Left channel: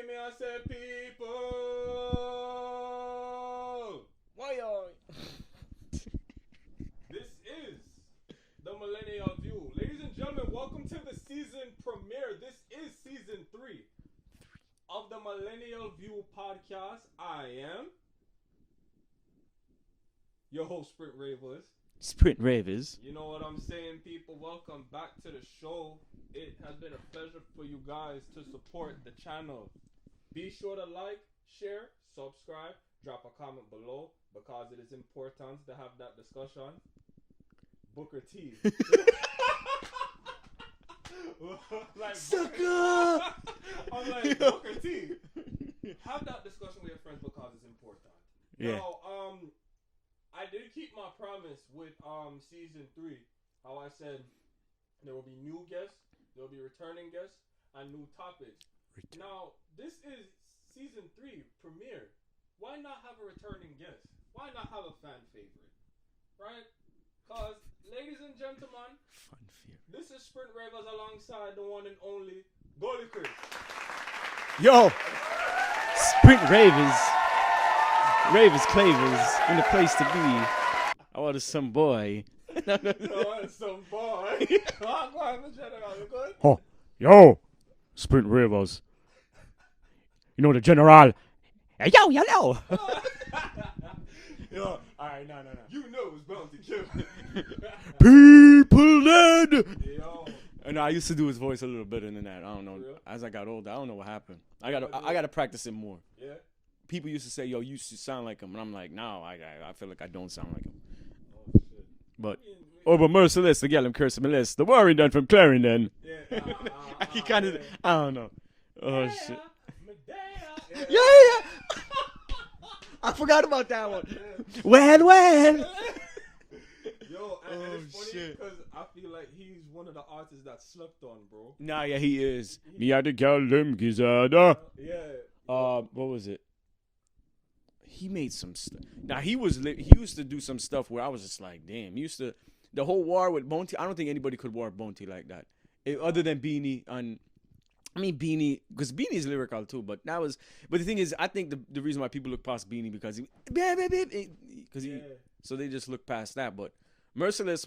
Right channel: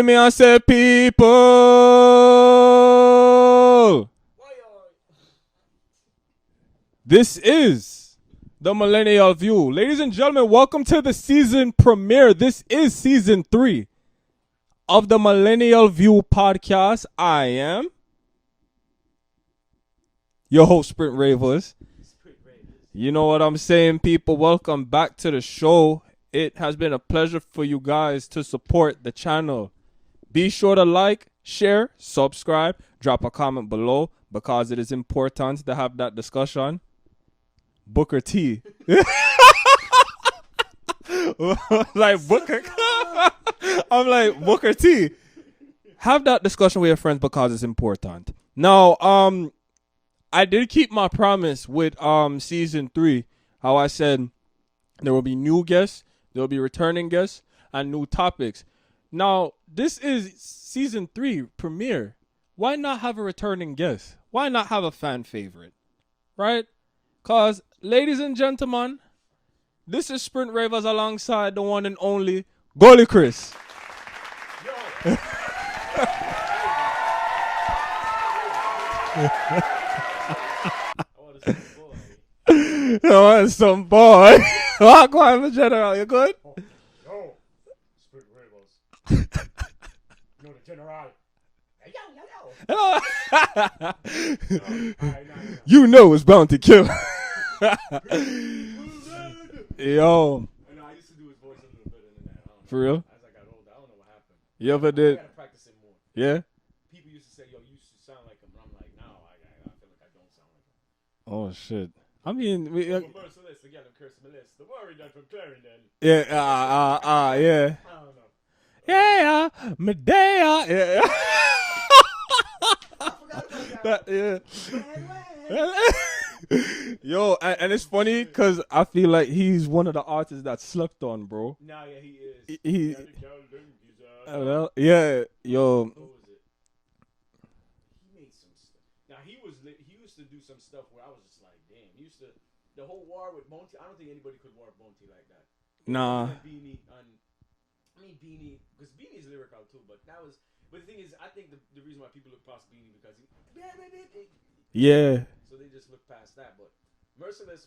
Hear me, I said, people. This is the Millennial View. Ladies and gentlemen, welcome to the season premiere. This is season 3 of the Millennial View Podcast. I am your host, Sprint Ravers. You know what I'm saying, people. Welcome back to the show. It has been a pleasure for you guys to support the channel. Be sure to like, share, subscribe, drop a comment below because it is important to have that discussion. Booker T. Like Booker. I'm like Booker T. Have that discussion with your friends because it's important. Now, I did keep my promise with season 3. How I said there will be new guests, there will be returning guests, and new topics. Now, this is season 3 premiere. Why not have a returning guest? Why not have a fan favorite? Right? Because, ladies and gentlemen, this is Sprint Ravers alongside the one and only Gully Chris. Yo, Sprint Ravers Clavers, the place to be. I want some boy. I want some boy. Walk on, General, you good? Oh, yo, Sprint Ravers. You know the General. Hey, yo. You know it's bound to kill. People dead. Yo. And I used to do his voice a little better than that. I don't know. For real? As I got older, I don't know what happened. You ever I did? got to practice it more. Yeah? People used to say, yo, you used to sound like him. And I'm like, no, I feel like I don't sound like him. Oh, shit. But, I mean... but merciless, the gal him curse Melissa. The worry done from Clarendon. Yeah, yeah. I don't know. Yeah, Medea. Yeah. I forgot about that one. Yeah. Well. Yo, and it's funny because I feel like he's one of the artists that slept on, bro. Nah, yeah, he is. He had to call them Gizada. Yeah, yo. What was it? He made some stuff. Now, he used to do some stuff where I was just like, damn. The whole war with Bonte, I don't think anybody could war Bonte like that. Nah. Other than Beanie Beanie, because Beanie is lyrical too, but the thing is, I think the reason why people look past Beanie because Yeah. So they just look past that. But Merciless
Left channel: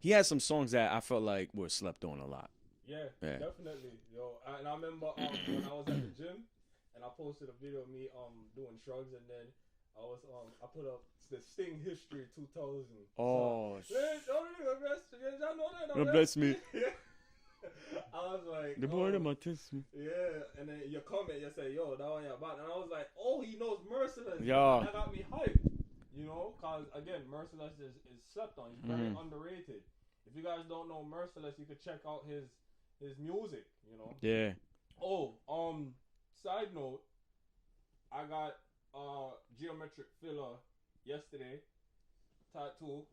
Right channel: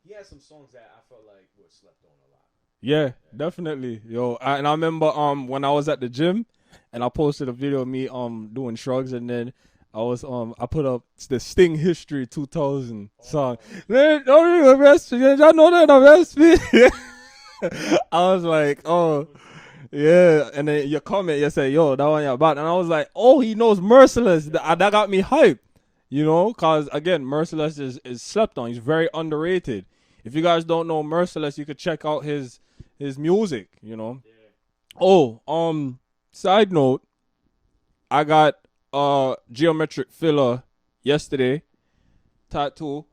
he had some songs that I felt like were slept on a lot. Yeah. Definitely. Yo, and I remember when I was at the gym and I posted a video of me doing shrugs, and then I put up the Sting History 2000 song. Man, don't arrest me. I know that arrest me. I was like, oh, yeah. And then your comment, you said, yo, that one you're about. And I was like, oh, he knows Merciless. That got me hyped, you know, because, again, Merciless is slept on. He's very underrated. If you guys don't know Merciless, you could check out his music, you know. Yeah. Oh, side note, I got geometric filler yesterday. Tattoo.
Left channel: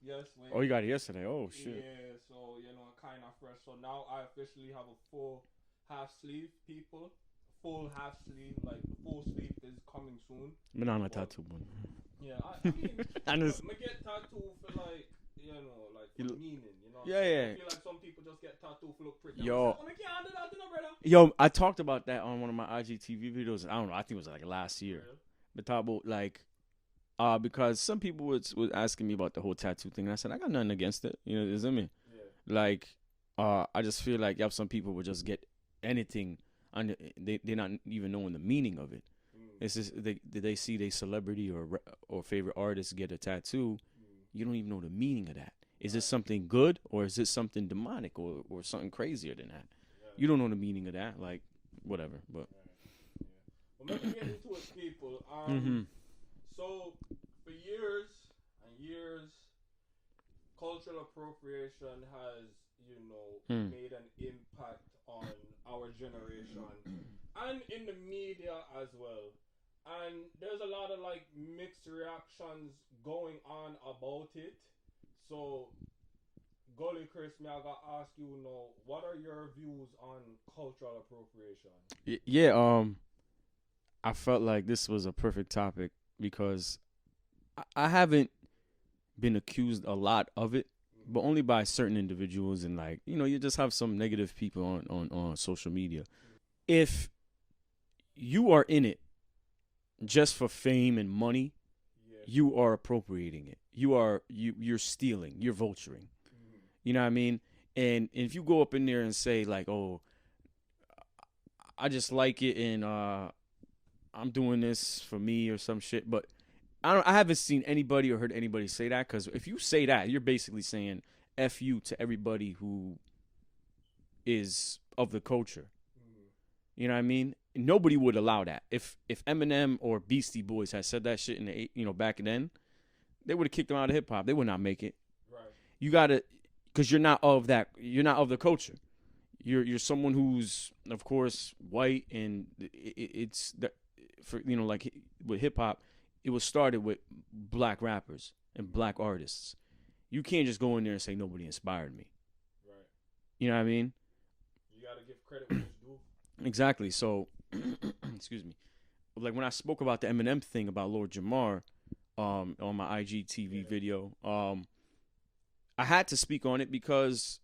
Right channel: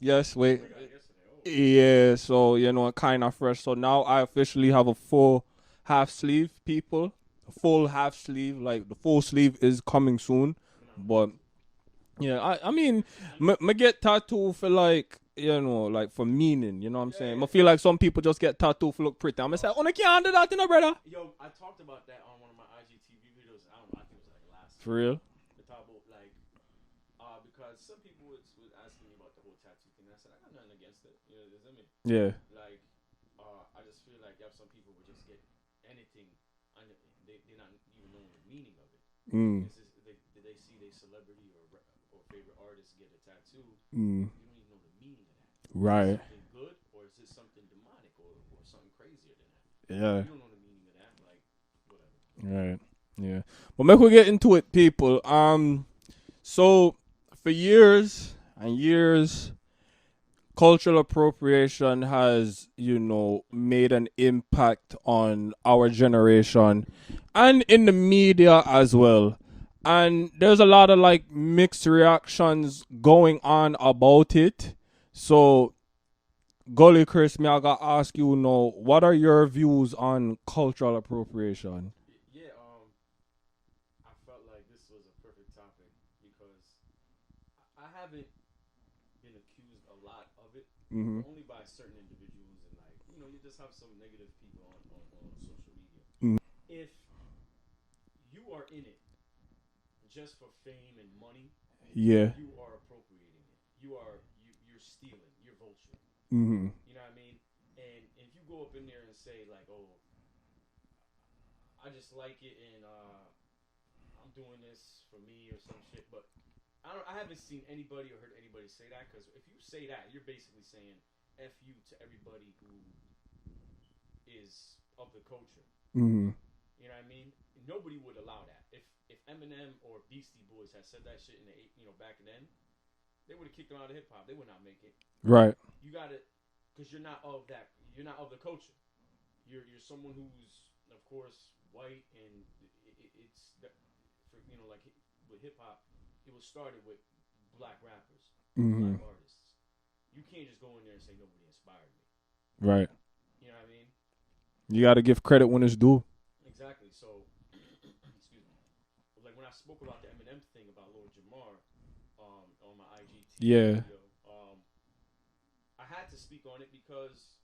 Yes, wait. Oh, you got it yesterday. Oh. Yeah, so, you know, kind of fresh. So now I officially have a full half sleeve, people. A full half sleeve. Like, the full sleeve is coming soon. But yeah, I mean, I get tattoo for, like, you know, like, for meaning. You know what I'm saying? Yeah. I feel like some people just get tattoo for look pretty. I'm just like, oh, I can't do that, you know, brother. Yo, I talked about that on one of my IGTV videos. I don't know. I think it was, like, last year. For real? But talk about, like... because some people was asking me about the whole tattoo thing. And I said, I got nothing against it. You know, you know what I mean? Yeah. Like, I just feel like some people would just get anything, and they're not even knowing the meaning of it. It's just they see their celebrity or favorite artist get a tattoo. You don't even know the meaning of that. Right. Is it something good or is it something demonic or something crazier than that? Yeah. You don't know the meaning of that. Like, whatever. But. Right. Yeah. But make we get into it, people. So, for years and years, cultural appropriation has, you know, made an impact on our generation and in the media as well. And there's a lot of, like, mixed reactions going on about it. So, Gully Chris, I gotta ask you, what are your views on cultural appropriation? Yeah, I felt like this was a perfect topic because I haven't been accused a lot of it, but only by certain individuals, and, like, you know, you just have some negative people on social media. If you are in it just for fame and money, Yeah. you are appropriating it. You're stealing. You're vulturing. Mm-hmm. You know what I mean? And if you go up in there and say like, "Oh, I just like it, and I'm doing this for me or some shit," but I haven't seen anybody or heard anybody say that, because if you say that, you're basically saying "F you" to everybody who is of the culture. Mm-hmm. You know what I mean? Nobody would allow that. If Eminem or Beastie Boys had said that shit in the back then, they would have kicked them out of hip hop. They would not make it. Right. You gotta, because you're not of that. You're not of the culture. You're someone who's, of course, white, and it's that for like with hip hop, it was started with black rappers and black artists. You can't just go in there and say nobody inspired me. Right. You know what I mean? You got to give credit when it's due. Exactly. So, excuse me. Like when I spoke about the Eminem thing about Lord Jamar, on my IGTV video, I had to speak on it because,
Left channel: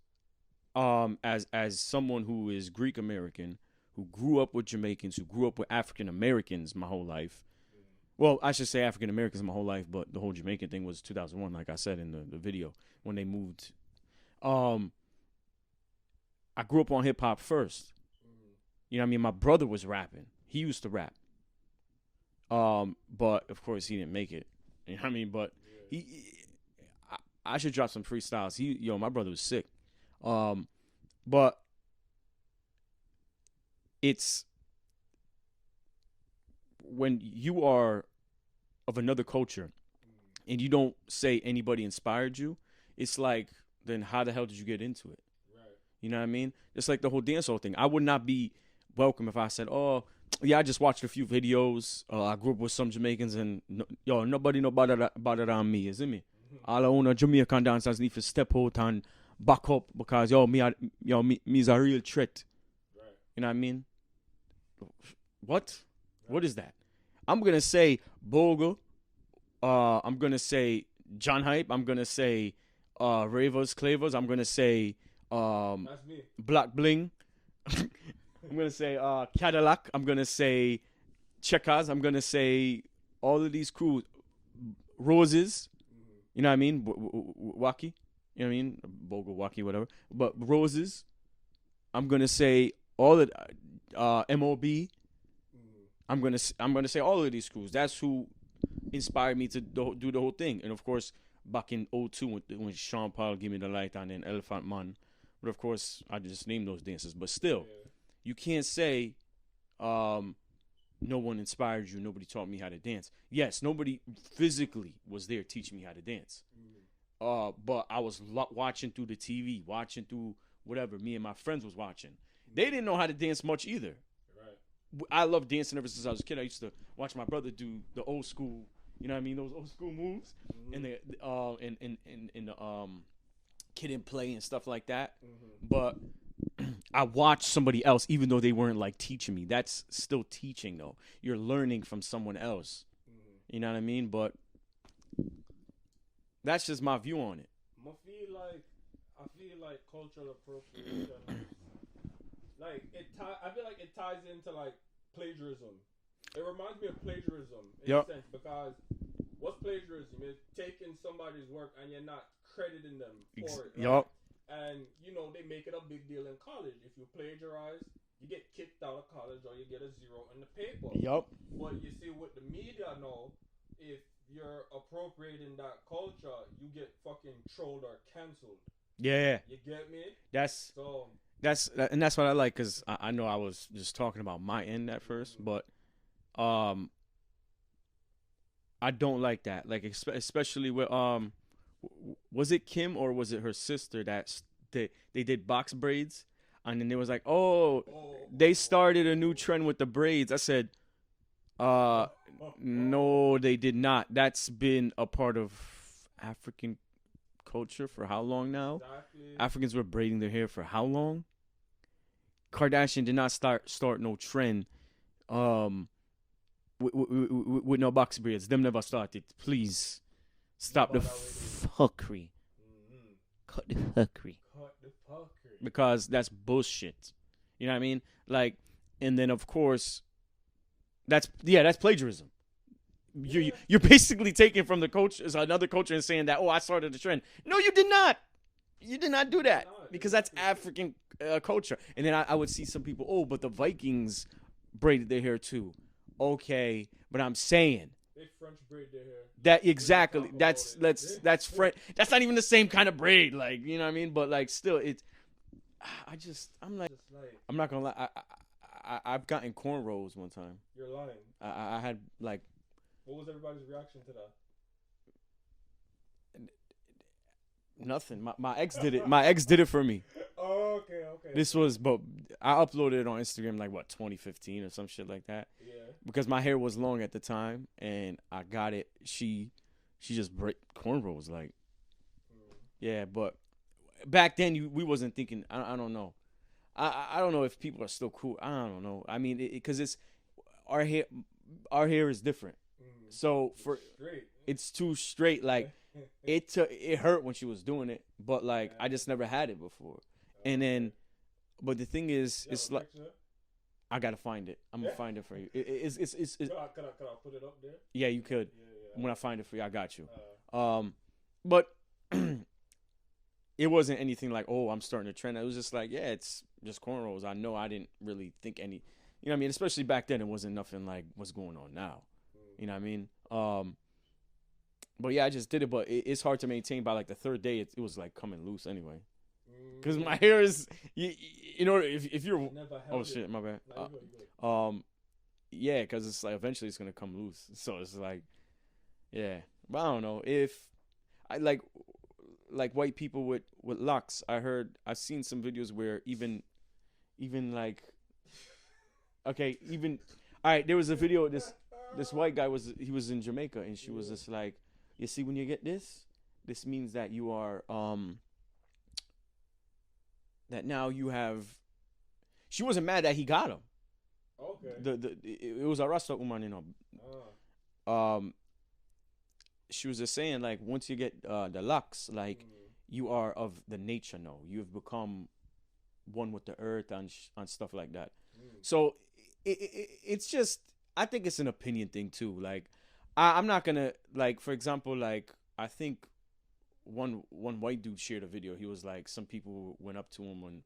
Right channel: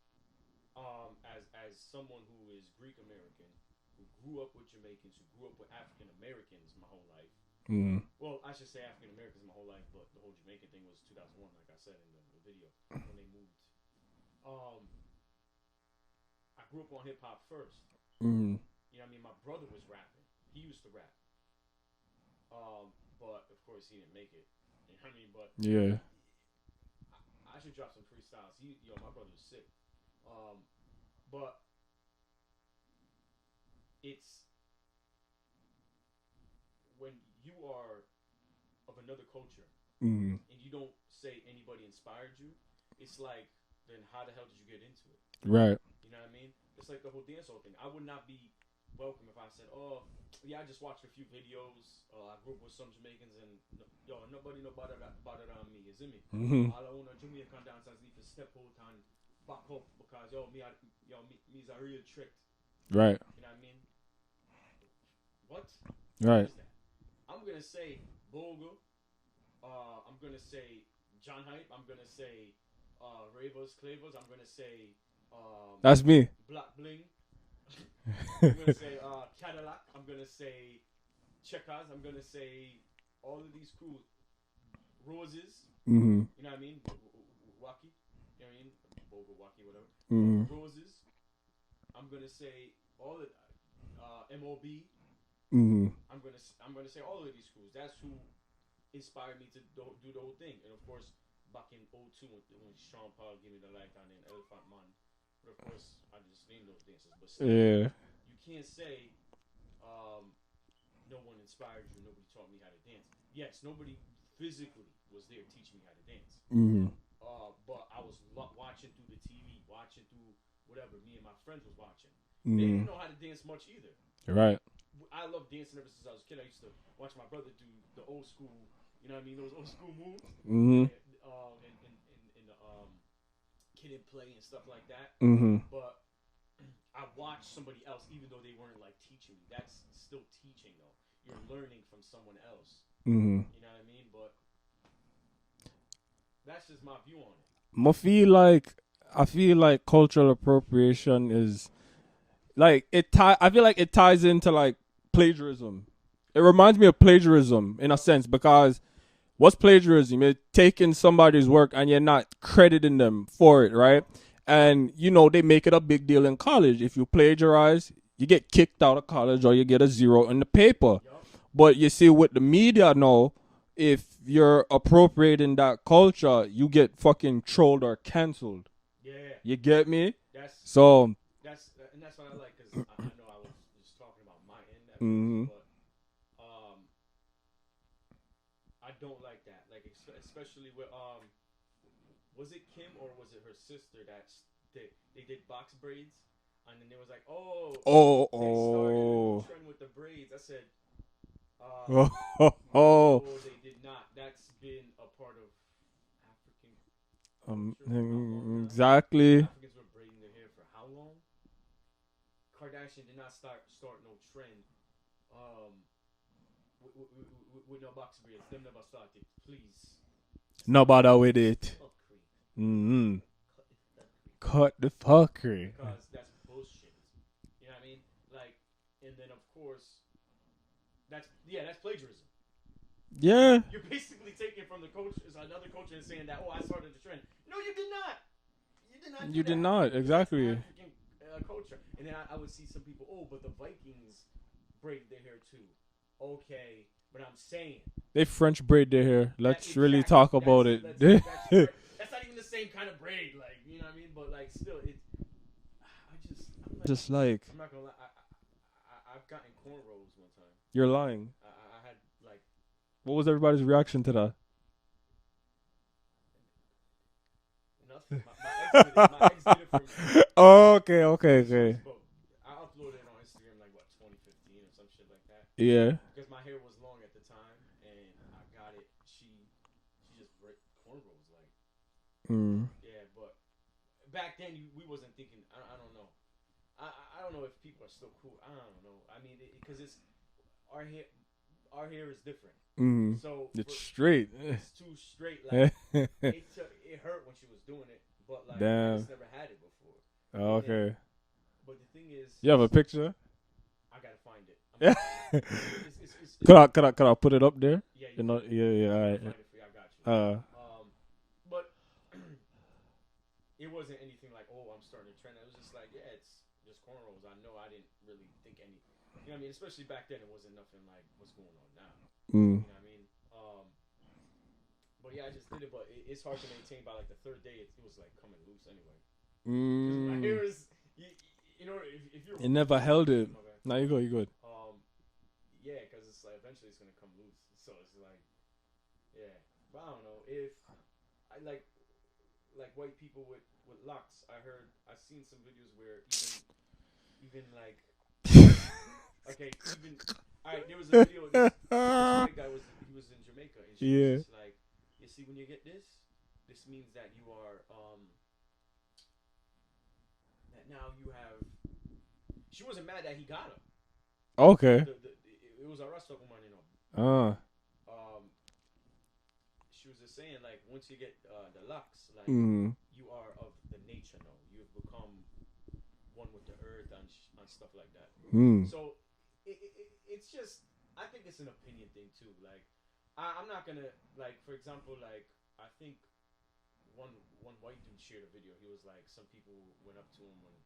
as someone who is Greek American, who grew up with Jamaicans, who grew up with African Americans my whole life. Mm. Well, I should say African Americans my whole life, but the whole Jamaican thing was 2001, like I said in the video when they moved. I grew up on hip hop first. Mm. You know what I mean? My brother was rapping. He used to rap. But of course he didn't make it. You know what I mean? But yeah, I should drop some freestyles. My brother was sick. But it's when you are of another culture and you don't say anybody inspired you, it's like, then how the hell did you get into it? Right. You know what I mean? It's like the whole dancehall thing. I would not be welcome if I said, "Oh, yeah, I just watched a few videos. I grew up with some Jamaicans, and nobody know about it on me, isn't me? All I own Jamaican dancers need to step out and back up because me's a real threat." Right. You know what I mean? What? Right. What is that? I'm gonna say Bogle. I'm gonna say John Hype. I'm gonna say Ravers, Clavers. I'm gonna say that's me. Black Bling. I'm gonna say Cadillac. I'm gonna say Checkers. I'm gonna say all of these crews. Roses. Mm-hmm. You know what I mean? Wacky. You know what I mean? Bogle, Wacky, whatever. But Roses. I'm gonna say all of MOB. Mm-hmm. I'm gonna say all of these crews. That's who inspired me to do the whole thing. And of course, back in 2002 when Sean Paul gave me the light on and Elephant Man. But of course, I just named those dances. But still, you can't say no one inspired you. Nobody taught me how to dance. Yes, nobody physically was there teaching me how to dance. Mm-hmm. But I was watching through the TV, watching through whatever me and my friends was watching. They didn't know how to dance much either. Right. I love dancing ever since I was a kid. I used to watch my brother do the old school, you know what I mean, those old school moves. And the Kid and Play and stuff like that. But I watched somebody else, even though they weren't like teaching me. That's still teaching though. You're learning from someone else. You know what I mean? But that's just my view on it. I feel like cultural appropriation is like I feel like it ties into like plagiarism. It reminds me of plagiarism in a sense, because what's plagiarism? You're taking somebody's work and you're not crediting them for it, right? And they make it a big deal in college. If you plagiarize, you get kicked out of college or you get a 0 in the paper. But you see, with the media now, if you're appropriating that culture, you get fucking trolled or canceled. Yeah. You get me? That's what I like, because I know I was just talking about my end at first, but I don't like that. Like, especially with was it Kim or was it her sister that they did box braids, and then it was like, they started a new trend with the braids. I said, no, they did not. That's been a part of African culture for how long now? Exactly. Africans were braiding their hair for how long? Kardashian did not start no trend with no box braids. Them never started. Please. Not bother with it. Fuckery. Cut the fuckery. Because that's bullshit. You know what I mean? Like, and then of course, That's plagiarism. Yeah. You're basically taking from the culture, another culture, and saying that, oh, I started the trend. No, you did not. You did not do that. Did not, because exactly. that's African culture. And then I would see some people, oh, but the Vikings braided their hair too. Okay, but I'm saying they French braid their hair. Let's exactly. really talk about it. That's not even the same kind of braid, like, you know what I mean? But like, still, I'm not gonna lie. I've gotten cornrows one time. You're lying. I had like. What was everybody's reaction to that? Nothing. My ex did it. My ex did it for me. Oh, okay. This was, but I uploaded it on Instagram like 2015 or some shit like that. Yeah. Because my hair was long at the time, and I got it. She just cornrows like. Yeah, but back then we wasn't thinking. I don't know. I don't know if people are still cool. I don't know. I mean, because it's our hair. Our hair is different. So it's straight. It's too straight. Like it hurt when she was doing it, but like I just never had it before. And then, but the thing is, you have a picture? I gotta find it. I'm gonna find it for you. It's could I put it up there? Yeah, you could. Yeah. I'm gonna find it for you. I got you. But it wasn't anything like, oh, I'm starting a trend. It was just like, yeah, it's just cornrows. I know I didn't really think any. You know what I mean? Especially back then, it wasn't nothing like what's going on now. You know what I mean? But yeah, I just did it. But it's hard to maintain. By like the third day, it was like coming loose anyway. Because my hair is, you know, if you're. It never held it. My bad. No, you good. Yeah, because it's like eventually it's gonna come loose. So it's like, yeah. But I don't know if I like white people with locks. I've seen some videos where even like. Okay, even all right. There was a video. This white guy was in Jamaica, and she was just like, "You see, when you get this means that you are that now you have." She wasn't mad that he got him. Okay. It was a Rasta woman, you know. She was just saying like once you get the locks, like you are of the nature now. You've become one with the earth and stuff like that. So. It's just, I think it's an opinion thing too. Like, I'm not gonna, like, for example, like, I think one white dude shared a video. He was like, some people went up to him and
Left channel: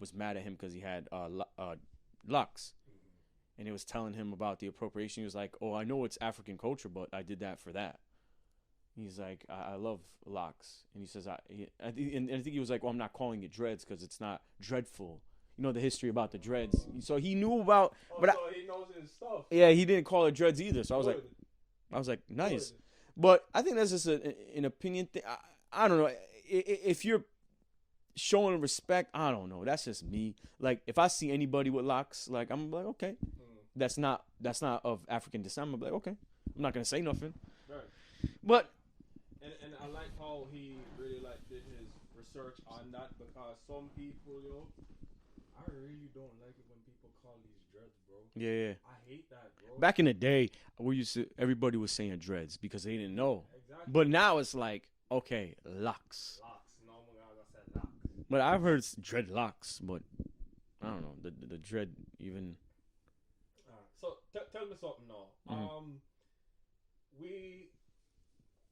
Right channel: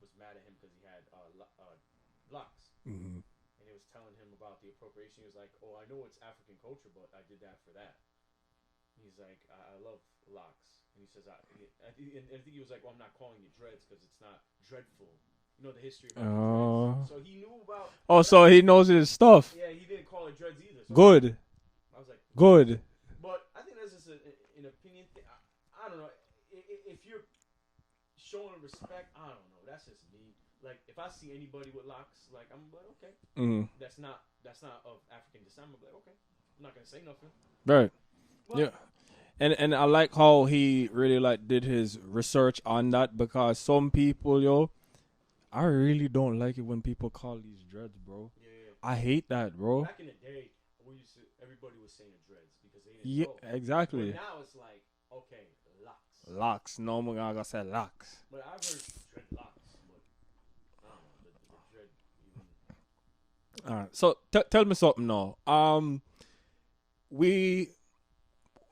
was mad at him because he had locks, and he was telling him about the appropriation. He was like, oh, I know it's African culture, but I did that for that. He's like, I love locks, and he says, I think he was like, oh, I'm not calling it dreads because it's not dreadful. You know the history about the dreads. So he knew about. Oh, so he knows his stuff. Yeah, he didn't call it dreads either. So good. I was like, nice. Good. But I think that's just an opinion thing. I don't know. If you're showing respect, I don't know. That's just me. Like, if I see anybody with locks, like, I'm like, okay, that's not of African descent. I'm like, okay, I'm not gonna say nothing. Right. But. Yeah. And I like how he really like did his research on that, because some people, I really don't like it when people call these dreads, bro. Yeah. I hate that, bro. Back in the day, everybody was saying dreads because they didn't know. Exactly. But now it's like, okay, locks. Locks. No, I'm gonna say locks. But I've heard dreadlocks, but I don't know. The dread even. All right. So tell me something now.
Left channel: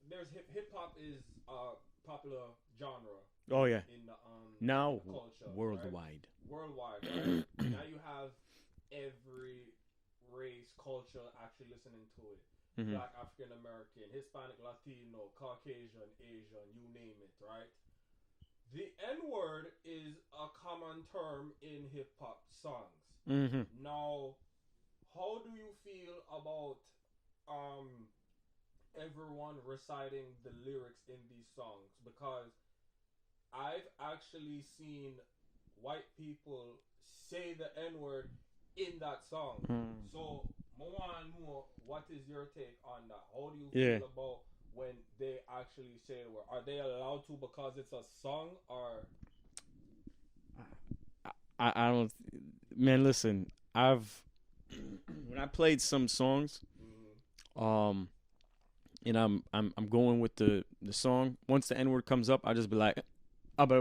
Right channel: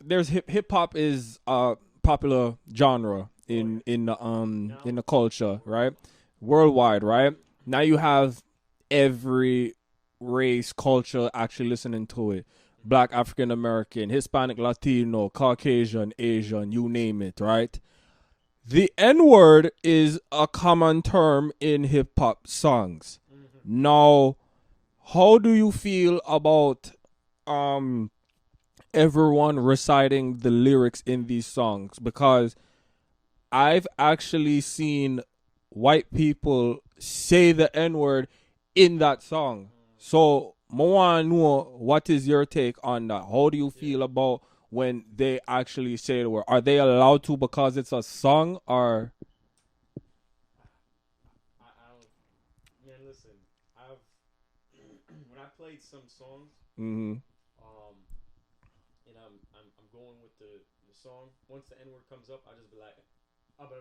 There's hip hop is a popular genre in the culture, right? Worldwide, right? Now you have every race, culture actually listening to it. Black, African American, Hispanic, Latino, Caucasian, Asian, you name it, right? The N-word is a common term in hip hop songs. Now, how do you feel about everyone reciting the lyrics in these songs? Because I've actually seen white people say the N-word in that song. So, I want to know, what is your take on that? How do you feel about when they actually say the word? Are they allowed to because it's a song, or? I don't. Man, listen. When I played some songs, and I'm going with the song. Once the N-word comes up, I just be like, you know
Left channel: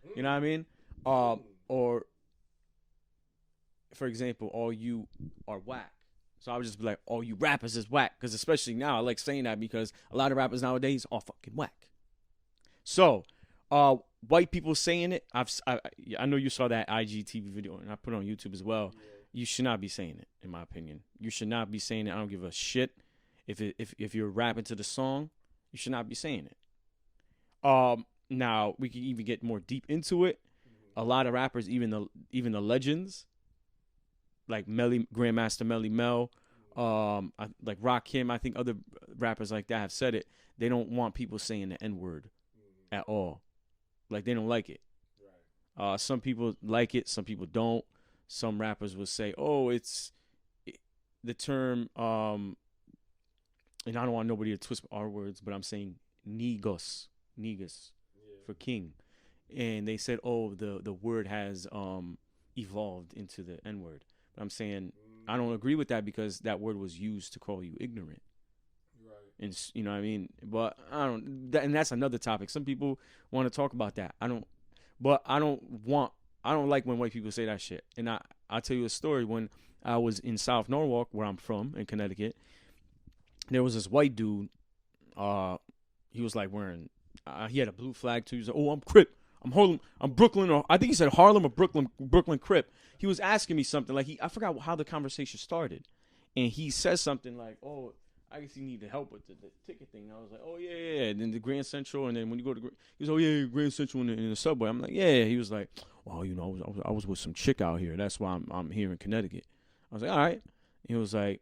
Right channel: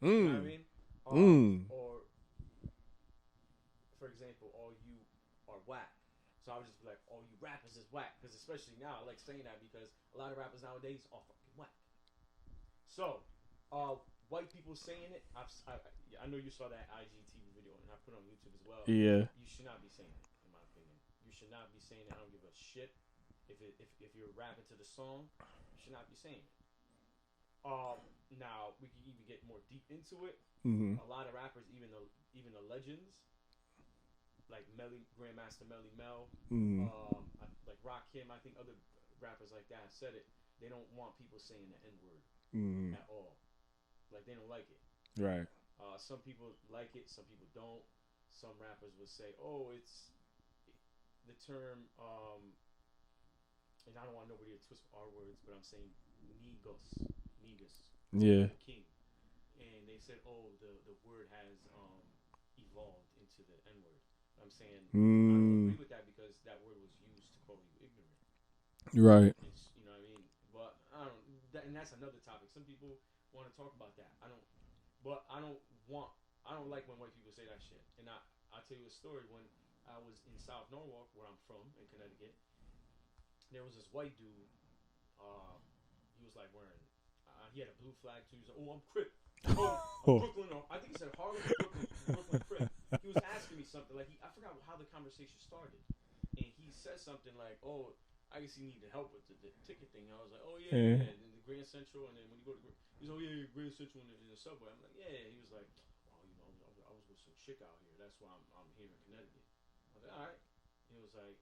what I mean? Or, for example, all you are whack. So I would just be like, "Oh, you rappers is whack," because especially now I like saying that because a lot of rappers nowadays are fucking whack. So, white people saying it. I know you saw that IGTV video and I put it on YouTube as well. Yeah. You should not be saying it, in my opinion. You should not be saying it. I don't give a shit if you're rapping to the song. You should not be saying it. Now we can even get more deep into it. Mm-hmm. A lot of rappers, even the legends, like Grandmaster Melly Mel, like Rakim, I think other rappers like that have said it. They don't want people saying the N-word at all. Like, they don't like it. Right. Some people like it, some people don't. Some rappers will say, "Oh, the term," and I don't want nobody to twist our words, but I'm saying negus, Yeah. for king. And they said, "Oh, the word has evolved into the N-word." But I'm saying I don't agree with that because that word was used to call you ignorant. Right. And you know what I mean? But I don't, and that's another topic. Some people want to talk about that. I don't like when white people say that shit. And I'll tell you a story. When I was in South Norwalk, where I'm from, in Connecticut, there was this white dude. He was like wearing, he had a blue flag too. He was like, "Oh, I'm Crip. I'm Harlem, I'm Brooklyn," or I think he said Harlem or Brooklyn Crip. He was asking me something like I forgot how the conversation started, and he says something like, "Oh, I guess you need help with the ticket thing." I was like, "Oh yeah." And then the Grand Central, and then when you go to, he was, "Oh yeah, Grand Central in the subway." I'm like, "Yeah." He was like, "Well, you know, I was with some chick out here. That's why I'm here in Connecticut." I was like, "All right." He was like,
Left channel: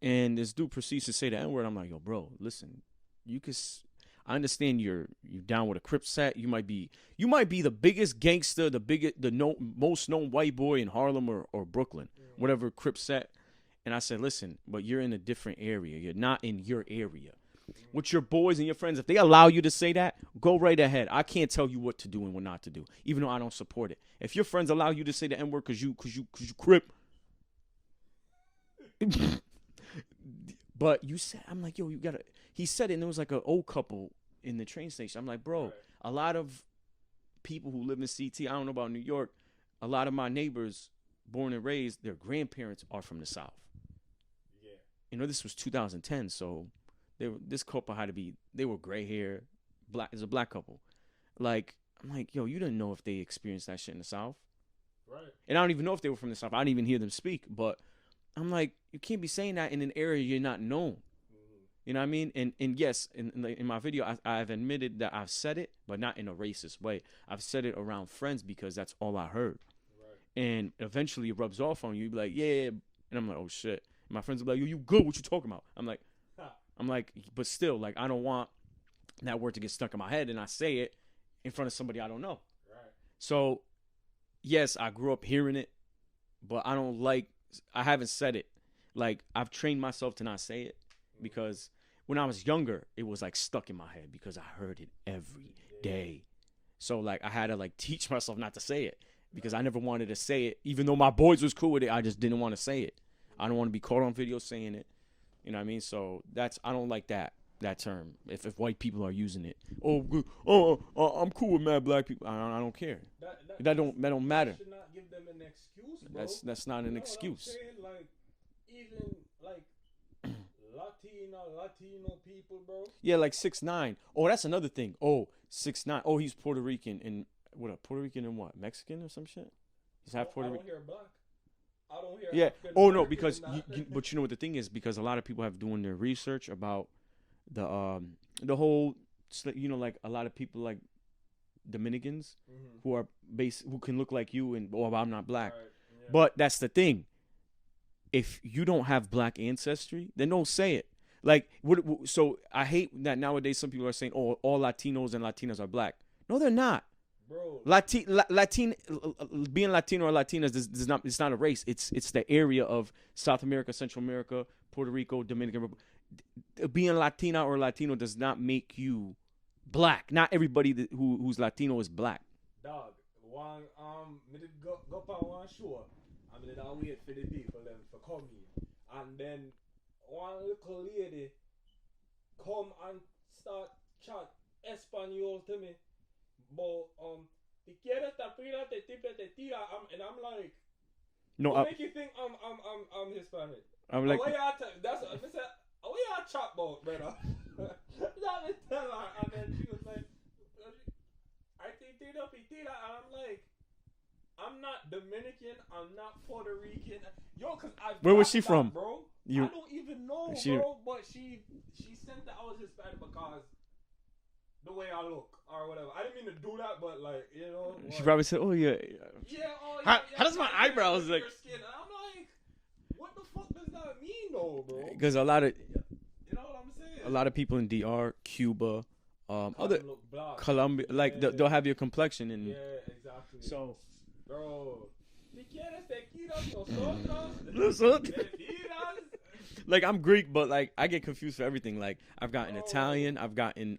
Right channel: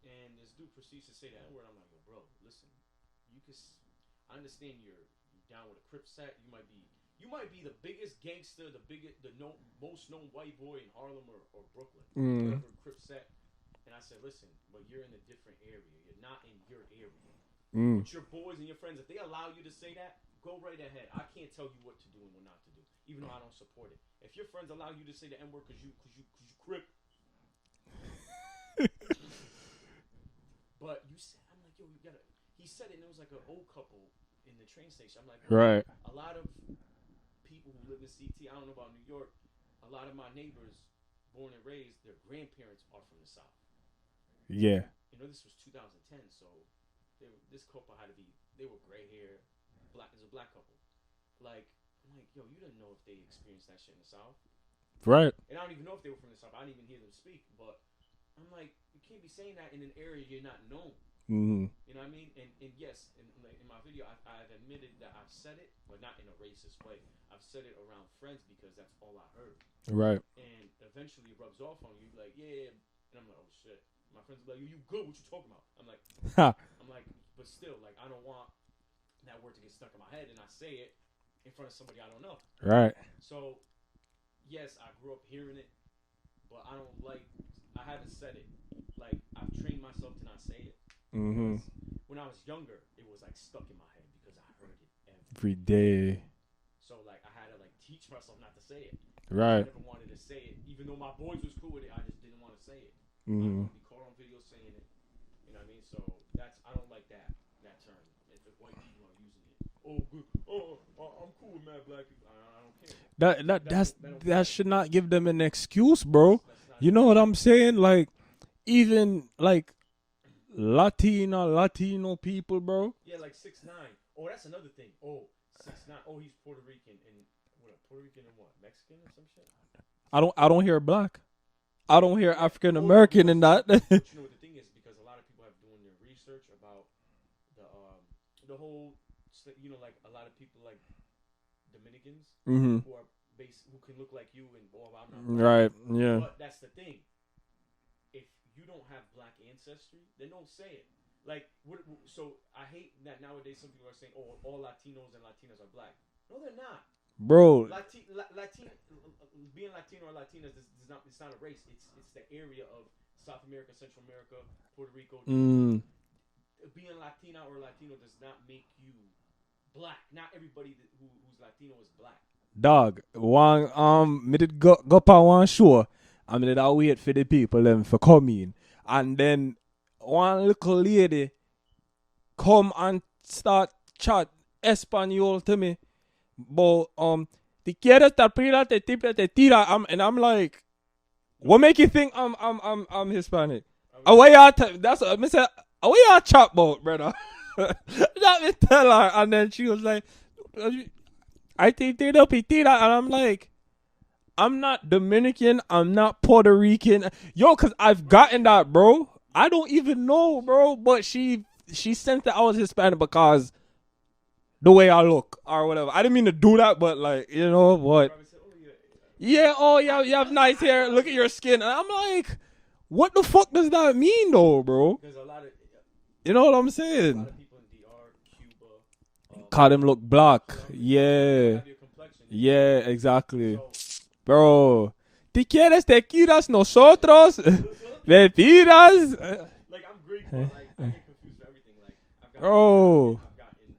and this dude proceeds to say the N-word. I'm like, "Yo, bro, listen, I understand you're down with a Crip set. You might be the biggest gangster, most known white boy in Harlem or Brooklyn, whatever Crip set." And I said, "Listen, but you're in a different area. You're not in your area. With your boys and your friends, if they allow you to say that, go right ahead. I can't tell you what to do and what not to do, even though I don't support it. If your friends allow you to say the N-word because you Crip." But you said, I'm like, "Yo, you gotta," he said it, and there was like an old couple in the train station. I'm like, "Bro, Right. A lot of people who live in CT, I don't know about New York, a lot of my neighbors, born and raised, their grandparents are from the South." Yeah. You know, this was 2010, so this couple they were gray hair, black. It's a black couple. Like, I'm like, "Yo, you didn't know if they experienced that shit in the South." Right. And I don't even know if they were from the South. I didn't even hear them speak. But I'm like, you can't be saying that in an area you're not known. Mm-hmm. You know what I mean? And yes, in my video, I've admitted that I've said it, but not in a racist way. I've said it around friends because that's all I heard. Right. And eventually it rubs off on you. You be like, "Yeah." And I'm like, "Oh, shit." And my friends are like, "Yo, you good? What you talking about?" I'm like, but still, like, I don't want that word to get stuck in my head and I say it in front of somebody I don't know. Right. So, yes, I grew up hearing it, but I haven't said it. Like, I've trained myself to not say it because when I was younger, it was like stuck in my head because I heard it every day. So, like, I had to like teach myself not to say it. Right. I never wanted to say it. Even though my boys was cool with it, I just didn't want to say it. I don't want to be caught on video saying it. You know what I mean? So I don't like that term. If white people are using it, I'm cool with mad black people. I don't care. That don't matter. That should not give them an excuse, bro. That's not. You know what I'm saying? Like, even like Latino people, bro. Yeah, like 6ix9ine. Oh, that's another thing. Oh, 6ix9ine. Oh, he's Puerto Rican and Puerto Rican and what? Mexican or some shit? I don't hear black. I don't hear African American in that. But you know what the thing is? Because a lot of people have doing their research about the whole, you know, like a lot of people like Dominicans who are who can look like you and I'm not black. Right. Yeah. But that's the thing. If you don't have black ancestry, then don't say it. Like, so I hate that nowadays some people are saying, "Oh, all Latinos and Latinas are black." No, they're not. Bro, being Latino or Latinas it's not a race. It's the area of South America, Central America, Puerto Rico, Dominican. Being Latina or Latino does not make you black. Not everybody who's Latino is black. Dog, me did go on one show. I mean, I wait for the people them for come in, and then one little lady come and start chat Espanol to me. But te quieres tapar te tira, and I'm like, what make you think I'm Hispanic? Away y'all that's what I said. Away y'all chop boat, brother. Let me tell her, and then she was like, "I think they don't pity that," and I'm like, "I'm not Dominican. I'm not Puerto Rican, yo, cause I've gotten that, from? Bro. Yeah. I don't even know, bro. But she sensed that I was Hispanic because the way I look or whatever. I didn't mean to do that, but like, you know what? She probably said, "Oh yeah, you have nice hair. Look at your skin." And I'm like, what the fuck does that mean, though, bro? Because a lot of, you know what I'm saying? A lot of people in DR, Cuba, call them look black. Colombia, like, they'll have your complexion. Yeah, exactly, bro. ¿Te quieres tequilas nosotros? Bebidas? Like, I'm Greek, but like I get confused for everything. Like, I've gotten Italian, I've gotten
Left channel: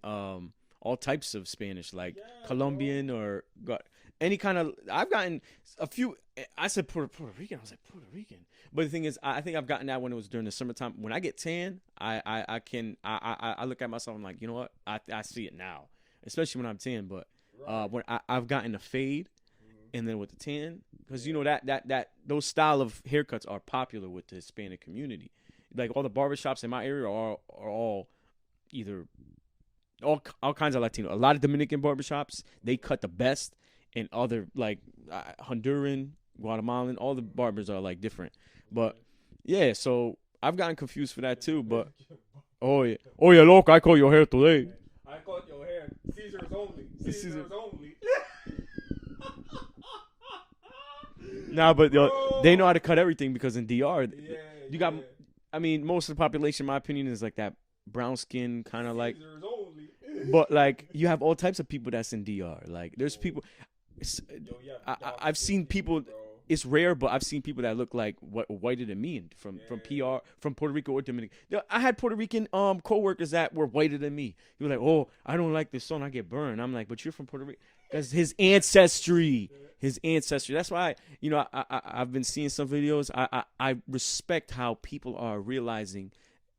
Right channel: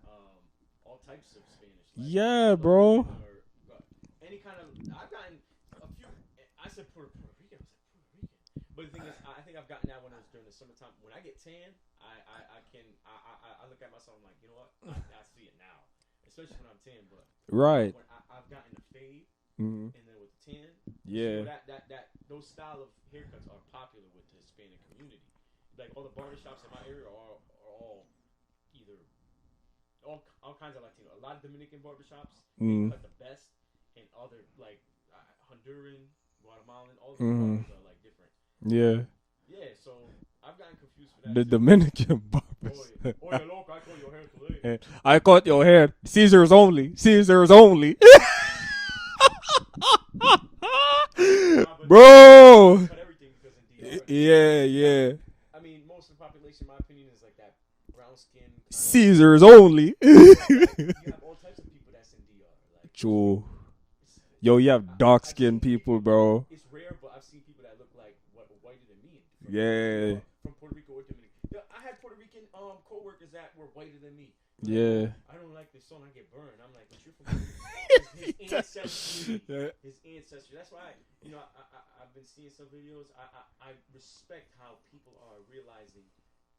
all types of Spanish, like Colombian, bro. Or any kind of. I've gotten a few. I said Puerto Rican. I was like Puerto Rican, but the thing is, I think I've gotten that when it was during the summertime. When I get tan, I look at myself. I'm like, you know what? I see it now, especially when I'm tan. But when I've gotten a fade. Mm-hmm. And then with the tan, because you know that those style of haircuts are popular with the Hispanic community. Like all the barbershops in my area are all either all kinds of Latino. A lot of Dominican barbershops, they cut the best, and other like Honduran, Guatemalan, all the barbers are like different. Yeah. So I've gotten confused for that too. The Dominican barbers. Oh yeah, look, I cut your hair today. I cut your hair. Caesars only. Nah, but bro, they know how to cut everything because in DR, I mean, most of the population, in my opinion, is like that brown skin kind of Caesars only. But like, you have all types of people that's in DR. Like, there's people. Yo, you have dark skinned people, bro. It's rare, but I've seen people that look like whiter than me from Puerto Rico or Dominican. I had Puerto Rican coworkers that were whiter than me. He was like, "Oh, I don't like this song. I get burned." I'm like, "But you're from Puerto Rico." His ancestry. That's why I've been seeing some videos. I respect how people are realizing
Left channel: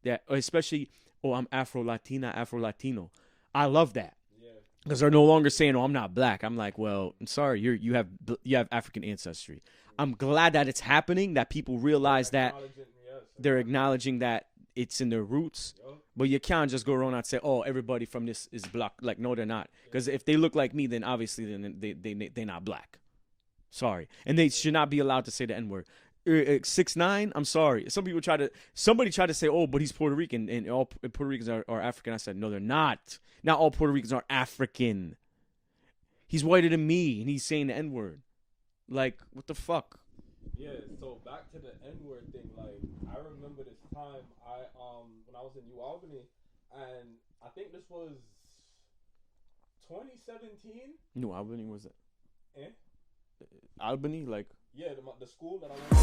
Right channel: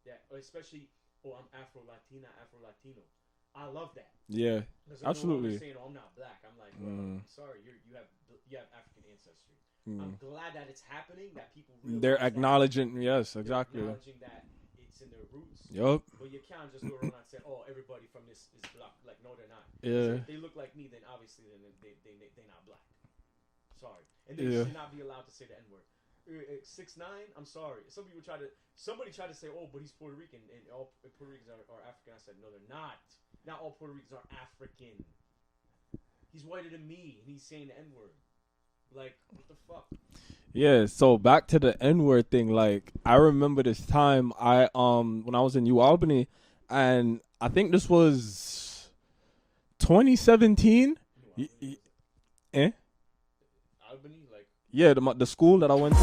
that, especially, I'm Afro-Latina, Afro-Latino. I love that. Yeah, because they're no longer saying, "Oh, I'm not black." I'm like, "Well, I'm sorry, you have African ancestry." I'm glad that it's happening. That people realize they're acknowledging that it's in their roots. Yup. But you can't just go around and say, "Oh, everybody from this is black." Like, no, they're not. Because if they look like me, then obviously they're not black. Sorry, and they should not be allowed to say the N-word. 6ix9ine, I'm sorry. Somebody tried to say, "Oh, but he's Puerto Rican and all Puerto Ricans are African." I said, no, they're not. Not all Puerto Ricans are African. He's whiter than me, and he's saying the N-word. Like, what the fuck? Yeah, so back to the N-word thing. Like, I remember this time when I was in New Albany, and I think this was 2017. New Albany was it? Albany, like. Yeah, the school that I went to.